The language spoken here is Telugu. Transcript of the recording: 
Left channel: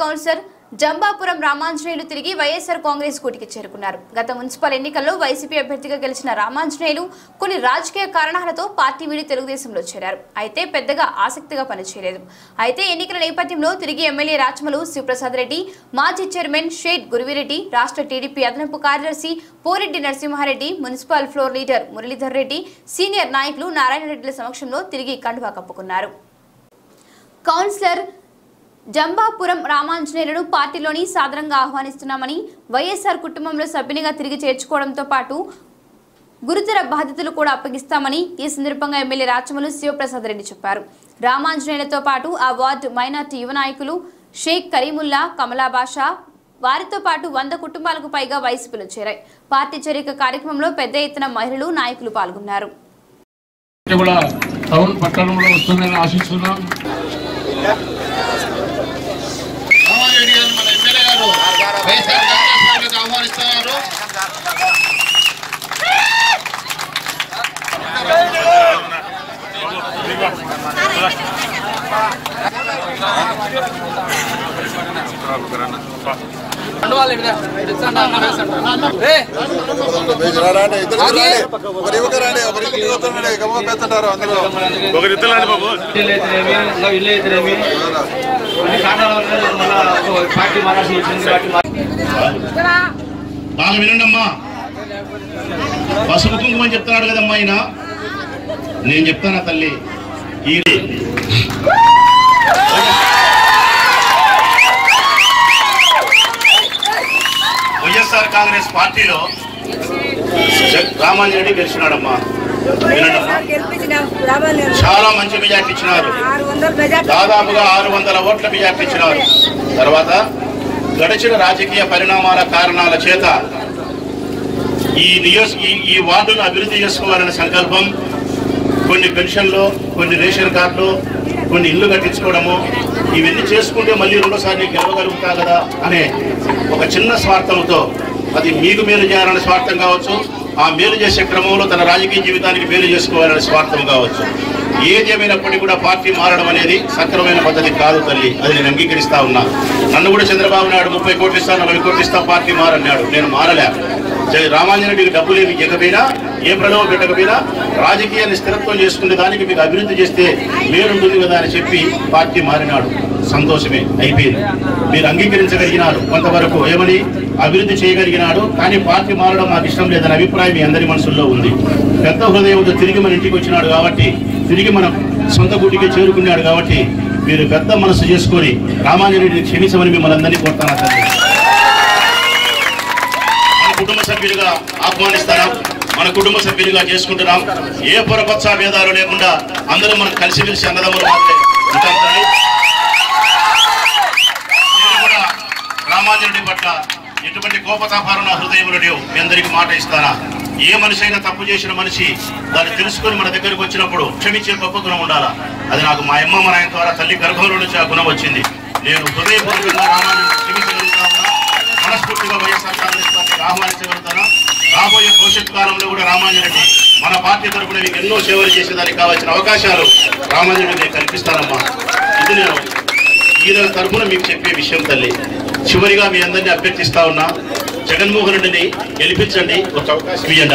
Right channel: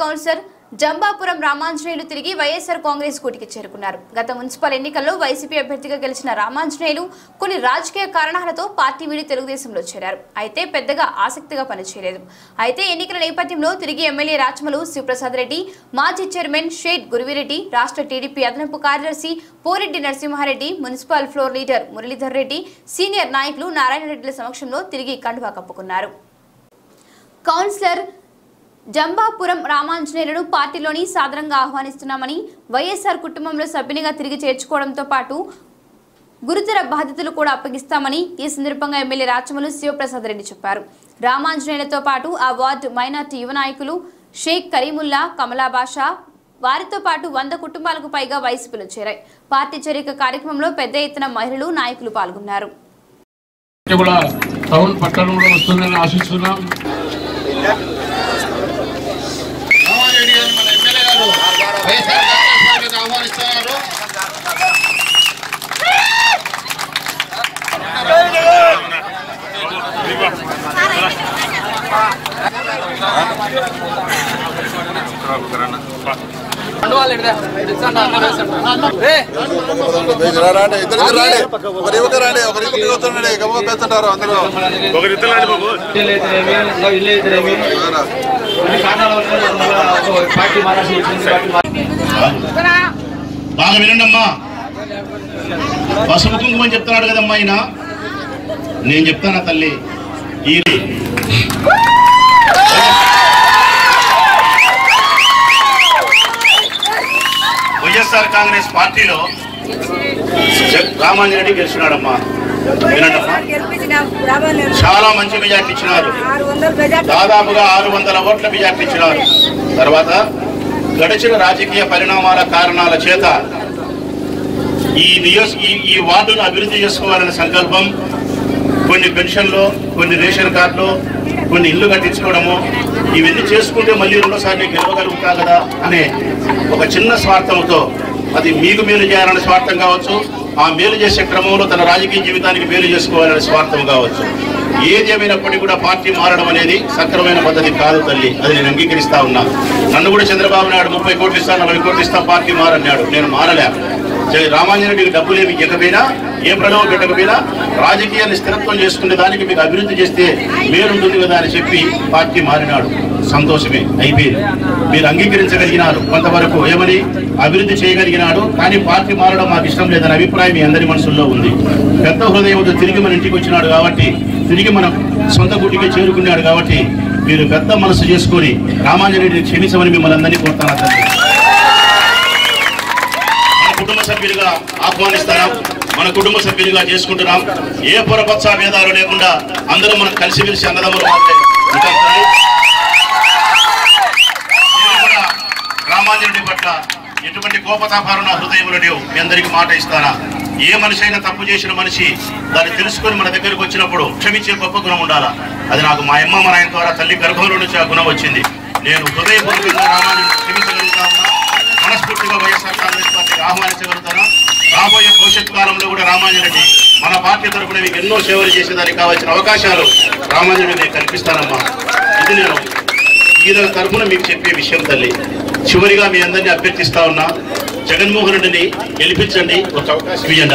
కౌన్సిలర్ జంబాపురం రామాంజనేయులు తిరిగి వైఎస్ఆర్ కాంగ్రెస్ కూటికి చేరుకున్నారు. గత మున్సిపల్ ఎన్నికల్లో వైసీపీ అభ్యర్థిగా గెలిచిన రామాంజనేయులు కొన్ని రాజకీయ కారణాలతో పార్టీ వీడి తెలుగుదేశంలో చేరారు. అయితే పెద్దగా ఆసక్తిగా పనిచేయలేదు. అయితే ఎన్నికల నేపథ్యంలో తిరిగి ఎమ్మెల్యే రాచమలు శివప్రసాద్ రెడ్డి మాజీ చైర్మన్ షేడ్ గురువిరెడ్డి రాష్ట్ర టీడీపీ అదనపు కార్యదర్శి Poreddy Narasimhareddy municipal floor leader Muralidhar Reddy senior నాయకులు నారాయణ రెడ్డిల సమక్షంలో తిరిగి కండువా కప్పుకున్నారు. కౌన్సిలర్ జంబాపురం రామాంజనేయులను పార్టీలోని సాదరంగా ఆహ్వానిస్తున్నామని వైఎస్ఆర్ కుటుంబంలో సభ్యునిగా తిరిగి చేర్చుకోవడంతో పాటు గురుతర బాధ్యతలు కూడా అప్పగిస్తామని ఈ సందర్భంగా ఎమ్మెల్యే రాచమలు శివప్రసాద్ రెడ్డి చెప్పారు. రామాంజనేయులతో పాటు ఆ వార్డు మైనార్టీ యువ నాయకులు షేక్ కరీముల్లా కమలా బాషా వారితో పాటు వంద కుటుంబాలకు పైగా వైసీపీలో చేరాయి. పార్టీ చేరిక కార్యక్రమంలో పెద్ద ఎత్తున మహిళలు నాయకులు పాల్గొన్నారు. కూడా టౌన్ పట్టణంలో వస్తుందని ఆశిస్తున్నాం. రాండి ఇద్దరికి రాండి ఒకరి ఇవ్వక రాండి ఒకరి ఇంటికి వస్తుండండి గమ్మ పెడుతుంటారు అందులో బాగా వినండమ్మా. పసుపు కుంకుమ అని చెప్తున్నాడు కదమ్మా ఆయన. నేను చెప్తానా తల్లి? ఈ వైఎస్ఆర్ కాంగ్రెస్ పార్టీలో రామాంజరెడ్డి గెలిచినాడమ్మా. చాలా మంచి మెజార్టీ ఇచ్చినారు. దాదాపుగా ఆరు వందల ఓట్ల మెజార్టీ ఇచ్చినారు. తర్వాత గడిచిన రాజకీయ పరిణామాల కారణాల చేత ఈ నియోజ ఈ ఈ వార్డును అభివృద్ధి చేసుకోవాలనే సంకల్పం కొన్ని పెన్షన్లు కొన్ని రేషన్ కార్డులు కొన్ని ఇల్లు కట్టించుకోవడము ఇవన్నీ చేసుకుంటే మళ్ళీ రెండోసారి నేను గెలవగలుగుతా కదా అనే ఒక చిన్న స్వార్థంతో అది మీకు మేలు చేయాలనే స్వార్థం కావచ్చు ఆ మేలు చేసే క్రమంలో తన రాజకీయ జీవితానికి మేలు చేసుకోవాలనే స్వార్థం కావచ్చు. ఏది ఏమైనప్పటికీ కూడా పార్టీ మారడం అనేది సక్రమైన పద్ధతి కాదు తల్లి. అది నేను అంగీకరిస్తా ఉన్నా. నన్ను కూడా చంద్రబాబు నాయుడు ముప్పై కోట్లు ఇస్తాను నలభై కోట్లు ఇస్తాను పార్టీ మారన్నాడు. నేను మారలే. జై రామాంజనుడికి డబ్బులు ఏమి ఇవ్వకపోయినా ఏ ప్రలోభం పెట్టకపోయినా రాజకీయాన్ని స్థిరత్వం చేసుకునే దానికి మీకు అభివృద్ధి చేస్తే మేలుంటుంది కదా అని చెప్పి పార్టీ మారినాడు. సంతోషమే. అయిపోయింది. మీరు అంగీకరించగలిగినారు. కొంతవరకు ఏమని? అభివృద్ధి చేయగలిగినాడు. కానీ పార్టీ మారడం మాకు ఇష్టం లేదనే అభిప్రాయం మీ అందరి మనసుల్లో ఉంది. పెద్ద హృదయంతో తిరిగి మన ఇంటికి వచ్చినాడు కాబట్టి తిరిగి మన సొంత గుడికి చేరుకున్నాడు కాబట్టి మీరు పెద్ద మనసు చేసుకొని రామాంజనుడిని క్షమించమని మిమ్మల్ని అందరినీ కోరుతాను తండ్రి. మన కుటుంబ సభ్యులుగా ఆహ్వానిస్తారా మన కుటుంబ సభ్యులుగా చేసుకుంటున్నాం ఏ పురపక్ష భేదాలు లేకుండా అందరూ మనం కలిసిమెలిసి అన్నదమ్ములు మాత్రమే ఉంటాం తల్లి. నేను కూడా రామాంజనుడి పట్ల ఎటువంటి కోపతాపాలు నా హృదయంలో మీ అందరికీ మాట ఇస్తానా ఏ మనిషి అయినా తప్పు చేసిన మనిషి దాన్ని తెలుసుకొని మన దగ్గరికి వచ్చినప్పుడు క్షమించే గొప్ప గుణం ఉండాలా? అది నాకు మా అమ్మ మా నాయన ద్వారా తల్లి గర్భంలో నుంచి ఆ గుణం వచ్చింది. నేను హృదయపూర్వకంగా రామాన్ని క్షమించగలుగుతా ఉన్నా మనస్ఫూర్తిగా వైఎస్ఆర్ కాంగ్రెస్ పార్టీకి ఆహ్వానించగలుగుతాను? రాబోయే భవిష్యత్ కాలంలో కూడా రామాంజరెడ్డి మన పార్టీ తరఫున మీకు ఎన్నో సేవలు చేసేదానికి కావాల్సిన అవకాశాలు రామాంజరెడ్డి కల్పిస్తానమ్మా. ఇది నేను ఈరోజు తరఫున మీకు చెప్పే విషయం తల్లి. చివరిగా మీ అందరినీ అభ్యర్థిస్తా ఉన్నా జగన్మోహన్ రెడ్డిని గెలిపించండి. ఒక అవకాశం ఇవ్వండి